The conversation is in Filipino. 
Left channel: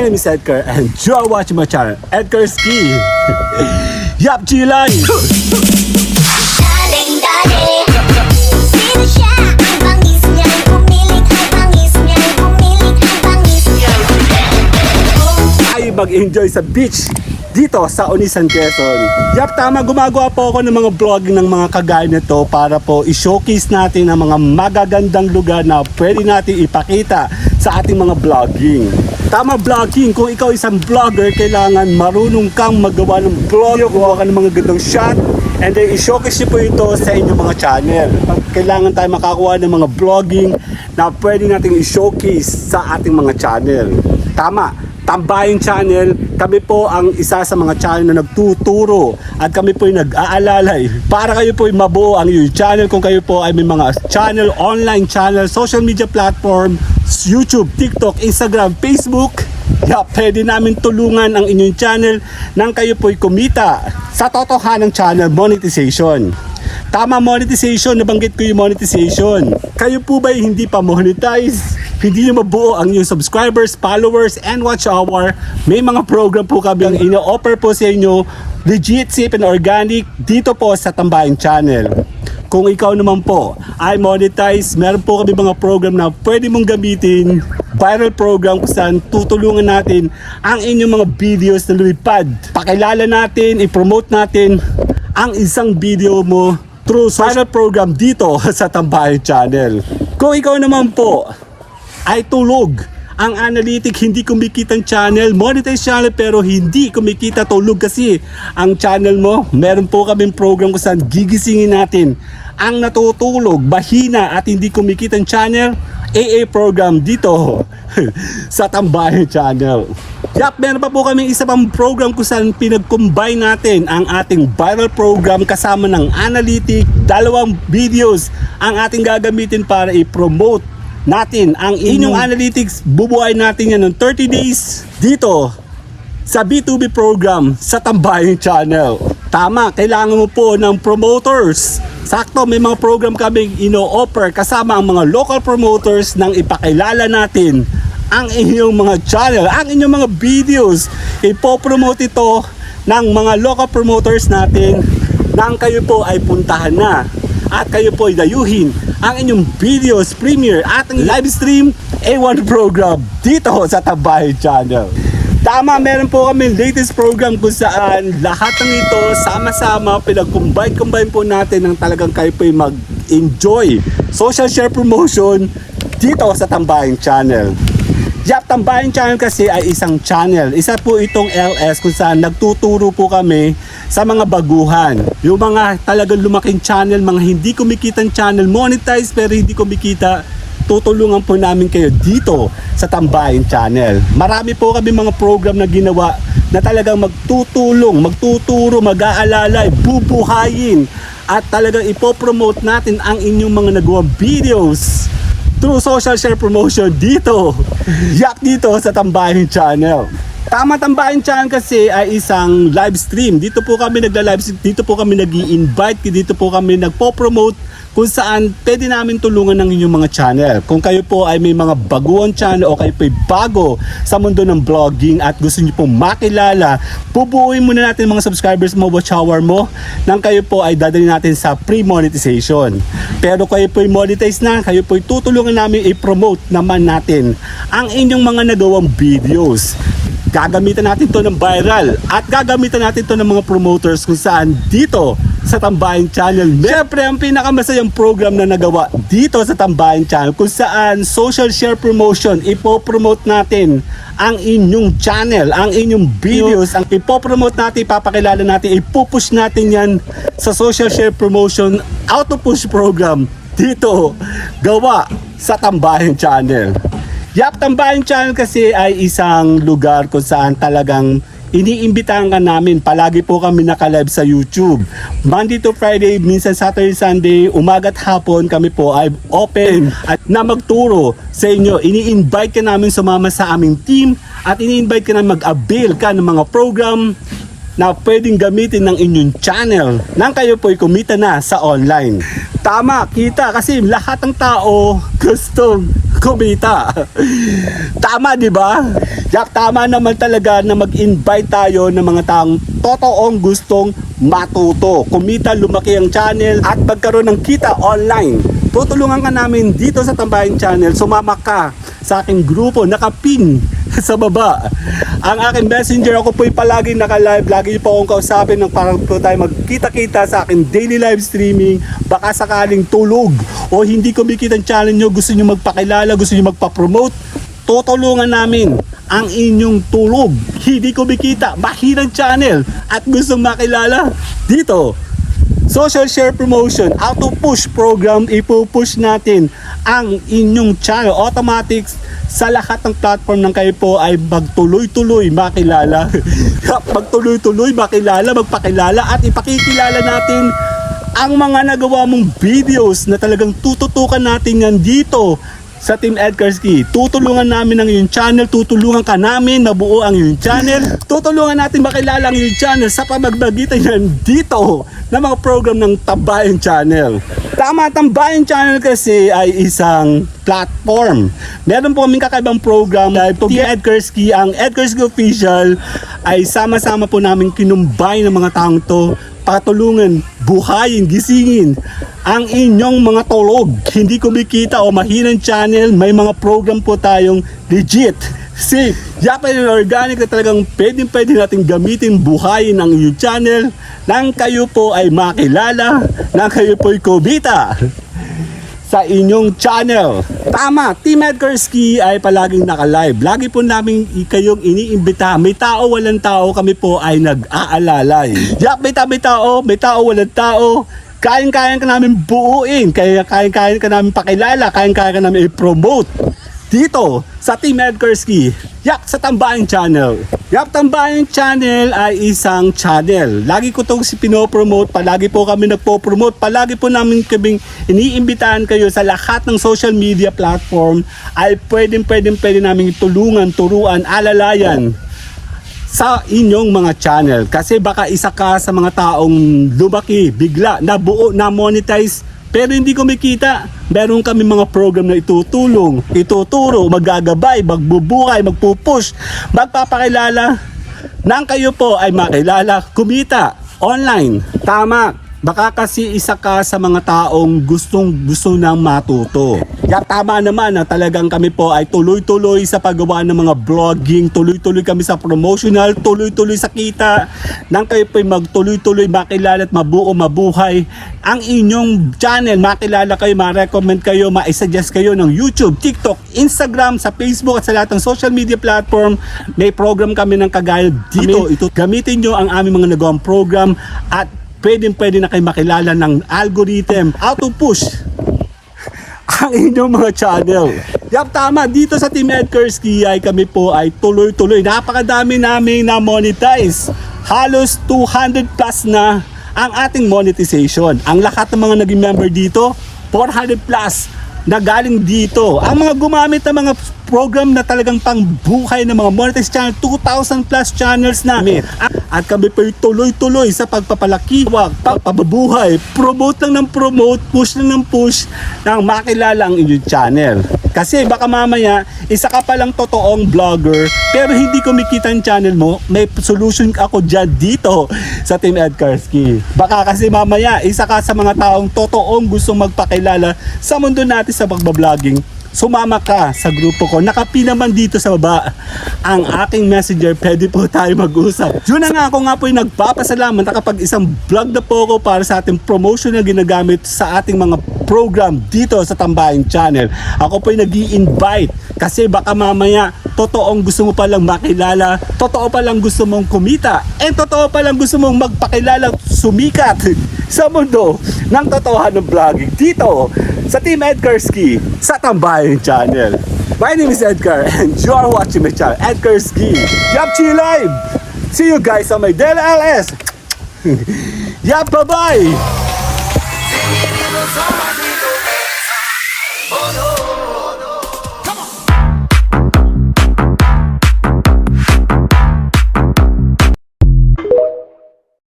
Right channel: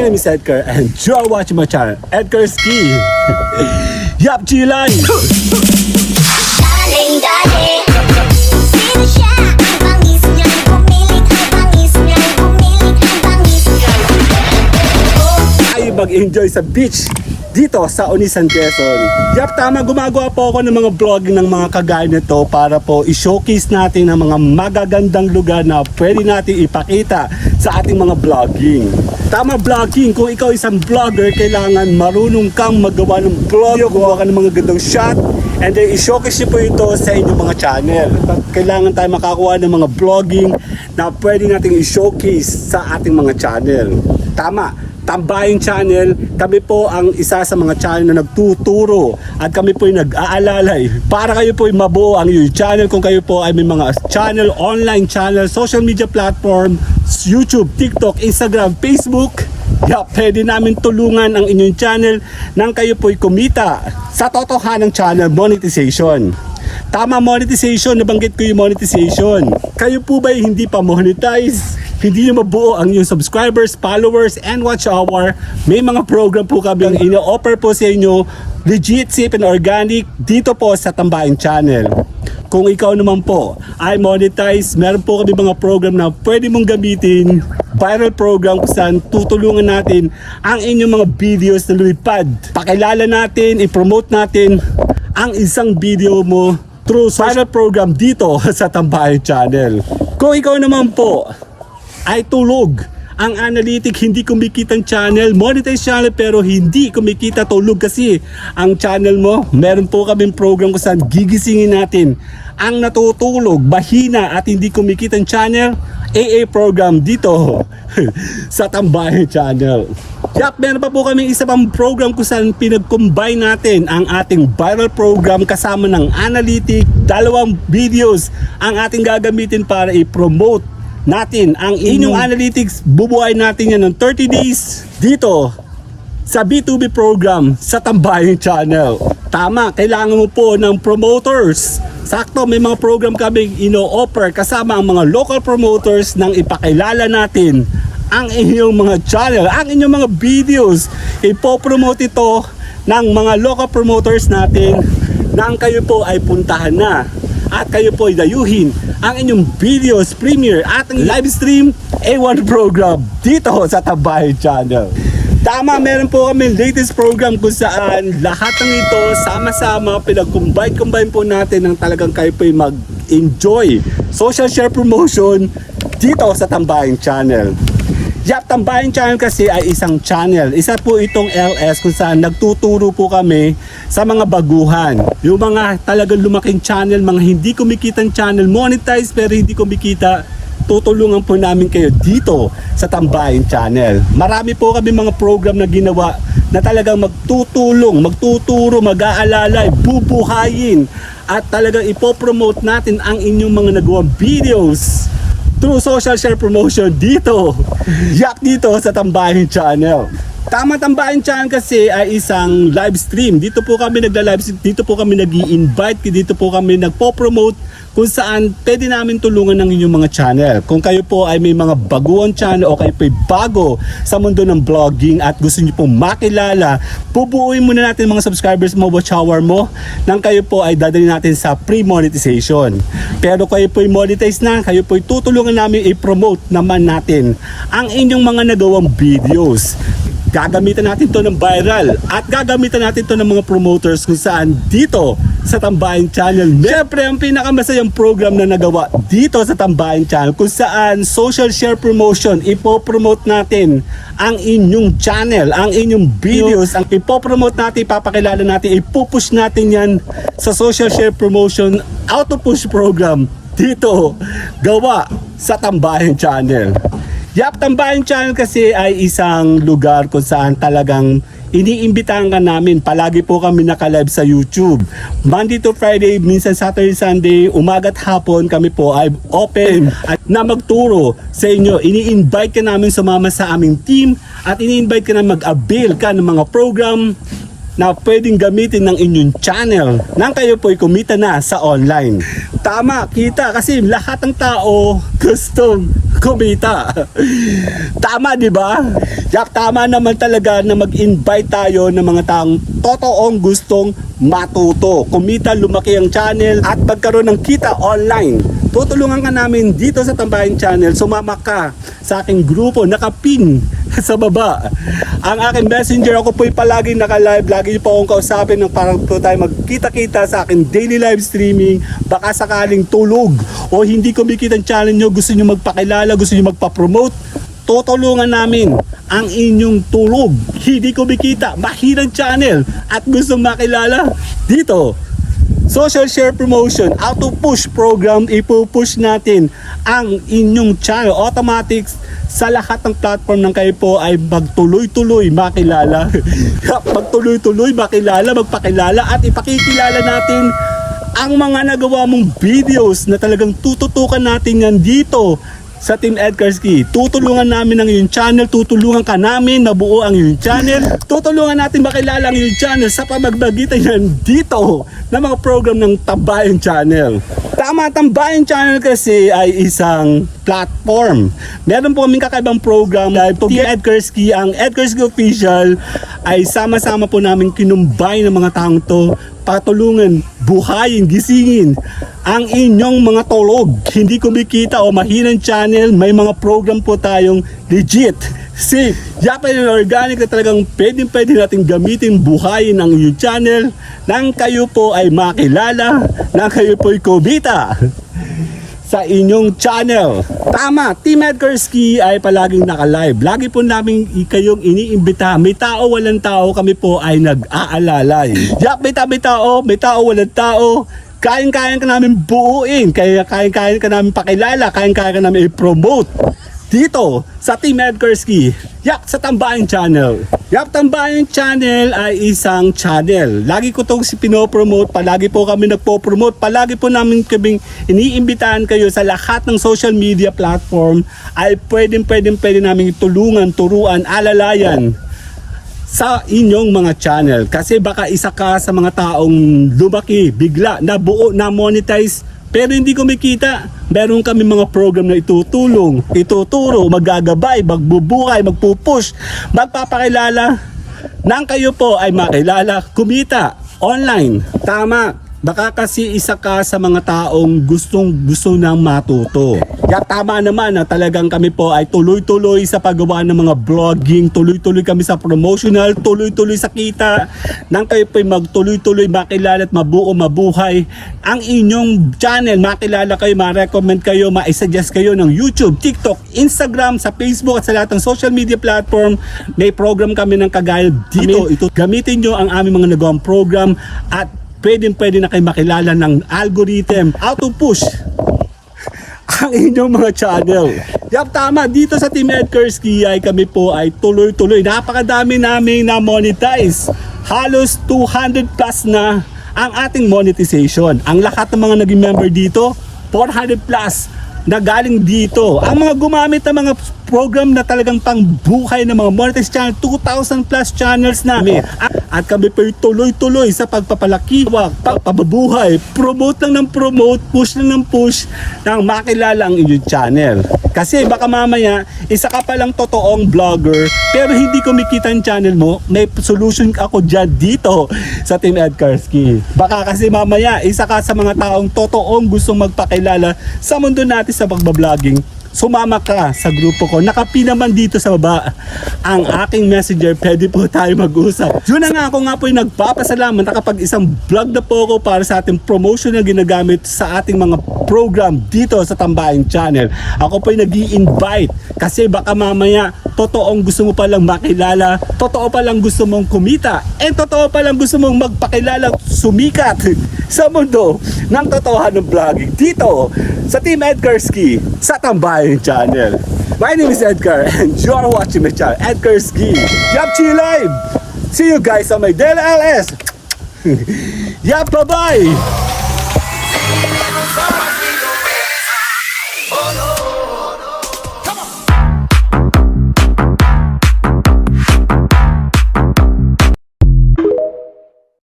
My name is Edgar and you're watching my channel, Edgar Ski. Yap, Chilay! Daling-daling, sino siya? Ang bangis niya'y pumilit, ang bangis niya'y pumilit, ang bangis niya'y Ay mag-enjoy sa beach dito sa Onisan, Quezon. Yap, tama, gumagawa po ako ng mga vlogging ng mga kagaya nito para po i-showcase natin ang mga magagandang lugar na pwede natin ipakita sa ating mga vlogging. Tama, vlogging. Kung ikaw isang vlogger, kailangan marunong kang magawa ng vlog, gawa ka ng mga gandang shot, and then i-showcase niyo po ito sa inyong mga channel. Kailangan tayo makakuha ng mga vlogging na pwede natin i-showcase sa ating mga channel. Tama, Tambayang Channel, kami po ang isa sa mga channel na nagtuturo at kami po yung nag-aalalay para kayo po yung mabuo ang inyong channel. Kung kayo po ay may mga channel, online channel, social media platform, YouTube, TikTok, Instagram, Facebook, pwede namin tulungan ang inyong channel nang kayo po'y kumita sa totohanang channel monetization. Tama, monetization, nabanggit ko yung monetization. Kayo po ba hindi pa monetize? Hindi nyo mabuo ang inyong subscribers, followers, and watch hour? May mga program po kami ang ino-offer po sa inyo, legit, safe, and organic dito po sa Tambayang Channel. Kung ikaw naman po ay monetize, meron po kami mga program na pwede mong gamitin, viral program kung saan tutulungan natin ang inyong mga videos na lumipad. Pakilala natin, i-promote natin ang isang video mo through viral program dito sa Tambayang Channel. Kung ikaw naman po ay tulog, ang analytic hindi kumikita ang channel, monetize channel pero hindi kumikita, tulog kasi ang channel mo, meron po kaming program kung saan gigisingin natin ang natutulog, bahina at hindi kumikita ang channel, AA program dito sa Tambayang Channel. Yap, meron pa po kami isa pang program kung saan pinag-combine natin ang ating viral program kasama ng analytic, dalawang videos ang ating gagamitin para i-promote natin ang inyong analytics. Bubuhay natin yan ng 30 days dito sa B2B program sa Tambayang Channel. Tama, kailangan mo po ng promoters. Sakto, may mga program kaming ino-offer kasama ang mga local promoters nang ipakilala natin ang inyong mga channel, ang inyong mga videos. Ipopromote ito ng mga local promoters natin nang kayo po ay puntahan na at kayo po ay dayuhin ang inyong videos, premiere at ang live stream A1 program dito sa Tambayang Channel. Tama, meron po kami latest program kung saan lahat ng ito sama-sama pinag-combine po natin ng talagang kayo po ay mag-enjoy social share promotion dito sa Tambayang Channel. Yap, Tambayang Channel kasi ay isang channel. Isa po itong LS kung saan nagtuturo po kami sa mga baguhan. Yung mga talagang lumaking channel, mga hindi kumikitang channel, monetize pero hindi kumikita, tutulungan po namin kayo dito sa Tambayang Channel. Marami po kami mga program na ginawa na talagang magtutulong, magtuturo, mag-aalalay, bubuhayin at talagang ipopromote natin ang inyong mga nagawang videos through social share promotion dito. Yak, dito sa Tambayang Channel. Tama, Tambayang Channel kasi ay isang live stream. Dito po kami nagla-live stream, dito po kami nag-i-invite, dito po kami nagpo-promote kung saan pwede namin tulungan ng inyong mga channel. Kung kayo po ay may mga baguang channel o kayo po ay bago sa mundo ng vlogging at gusto niyo pong makilala, bubuuin muna natin mga subscribers mo, watch hour mo, nang kayo po ay dadalhin natin sa pre-monetization. Pero kayo po ay monetize na, kayo po ay tutulungan namin i-promote naman natin ang inyong mga nagawang videos. Gagamitan natin to ng viral at gagamitan natin to ng mga promoters kung saan dito sa Tambayang Channel. Siyempre, ang pinakamasayang program na nagawa dito sa Tambayang Channel kung saan social share promotion, ipopromote natin ang inyong channel, ang inyong videos, ang ipopromote natin, ipapakilala natin, ipupush natin yan sa social share promotion, auto-push program dito gawa sa Tambayang Channel. Yap, Tambayang Channel kasi ay isang lugar kung saan talagang iniimbitahan ka namin. Palagi po kami naka-live sa YouTube. Monday to Friday, minsan Saturday, Sunday, umaga at hapon kami po ay open at na magturo sa inyo. Ini-invite ka namin sumama sa aming team at ini-invite ka namin mag-avail ka ng mga program na pwedeng gamitin ng inyong channel nang kayo po'y kumita na sa online. Tama, kita kasi lahat ng tao gustong kumita. Tama, di ba? Yap, tama naman talaga na mag-invite tayo ng mga taong totoong gustong matuto, kumita, lumaki ang channel at magkaroon ng kita online. Tutulungan ka namin dito sa Tambayan Channel. Sumama ka sa aking grupo, nakapin sa baba. Ang aking messenger, ako po'y palagi naka-live. Lagi niyo po akong kausapin ng parang po tayo magkita-kita sa aking daily live streaming. Baka sakaling tulog o hindi kumikita ang channel nyo, gusto nyo magpakilala, gusto nyo magpa-promote, tutulungan namin ang inyong tulog. Hindi kumikita, mahirang channel at gustong makilala dito. Social share promotion, auto push program, ipupush natin ang inyong channel automatic sa lahat ng platform ng kayo po ay magtuloy-tuloy makilala. Magtuloy-tuloy makilala, magpakilala at ipakikilala natin ang mga nagawa mong videos na talagang tututukan natin yan dito sa Team Edgarski. Tutulungan namin ang iyong channel, tutulungan ka namin na buo ang iyong channel, tutulungan natin makilala ang iyong channel sa pamamagitan yan dito na mga program ng Tambayan Channel. Tama, Tambayan Channel kasi ay isang platform. Meron po kaming kakaibang program na Team Edgarski, ang Edgarski Official ay sama-sama po namin kinumbay ng mga taong to patulungan, buhayin, gisingin ang inyong mga tulog. Hindi kumikita o mahinang channel, may mga program po tayong legit, safe, yapan and organic na talagang pwede natin gamitin, buhayin ang inyong channel nang kayo po ay makilala, nang kayo po ay kumita sa inyong channel. Tama, Team Edgarski ay palaging naka-live. Lagi po namin kayong iniimbita. May tao, walang tao, kami po ay nag-aalalay. Yak, may tao, walang tao. Kayang-kayang ka namin buuin. Kayang-kayang ka namin pakilala. Kayang-kayang ka namin i-promote dito sa Team Edgarski. Yak, sa Tambayan Channel. Yak, Tambayan Channel ay isang channel. Lagi ko itong pinopromote. Palagi po kami nagpo-promote. Palagi po namin kaming iniimbitahan kayo sa lahat ng social media platform ay pwede namin tulungan, turuan, alalayan sa inyong mga channel. Kasi baka isa ka sa mga taong lumaki, bigla, nabuo, na-monetize, pero hindi kumikita. Meron kami mga program na itutulong, ituturo, maggagabay, magbubuhay, magpupush, magpapakilala nang kayo po ay makilala, kumita online. Tama. Baka kasi isa ka sa mga taong gusto nang matuto. Kaya tama naman na talagang kami po ay tuloy-tuloy sa paggawa ng mga vlogging, tuloy-tuloy kami sa promotional, tuloy-tuloy sa kita, nang kayo po ay magtuloy-tuloy makilala at mabuo, mabuhay ang inyong channel, makilala kayo, ma-recommend kayo, ma-suggest kayo ng YouTube, TikTok, Instagram, sa Facebook at sa lahat ng social media platform. May program kami ng kagaya dito. Ito, gamitin nyo ang aming mga nagawang program at pwede na kayo makilala ng algorithm, auto push ang inyong mga channel. Yap, tama, dito sa Team Edgarski ay kami po ay tuloy-tuloy. Napakadami namin na monetize. Halos 200 plus na ang ating monetization. Ang lahat ng mga naging member dito, 400 plus na galing dito. Ang mga gumamit ng mga program na talagang pangbuhay ng mga monetized channel, 2,000 plus channels namin. At kami po tuloy-tuloy sa pagpapalaki, pagpapabuhay, promote lang ng promote, push lang ng push nang makilala ang inyong channel. Kasi baka mamaya, isa ka palang totoong vlogger, pero hindi kumikita ang channel mo, may solution ako dyan dito sa Team Edgarski. Baka kasi mamaya, isa ka sa mga taong totoong gustong magpakilala sa mundo natin sa pagbabloging. Sumama ka sa grupo ko. Nakapin naman dito sa baba ang aking messenger. Pwede po tayo mag-usap. Yun na nga, ako nga po yung nagpapasalamat na kapag isang vlog na po ako para sa ating promotion na ginagamit sa ating mga program dito sa Tambayan Channel. Ako po yung nag-i-invite kasi baka mamaya totoong gusto mo palang makilala, totoo palang gusto mong kumita, and totoo palang gusto mong magpakilala, sumikat sa mundo ng totohanan ng vlogging dito sa Team Edgarski sa Tambayan Channel. My name is Edgar and you are watching my channel, Edgarski. Yup, Chi Live! See you guys on my Dela LS! Yup, bye-bye!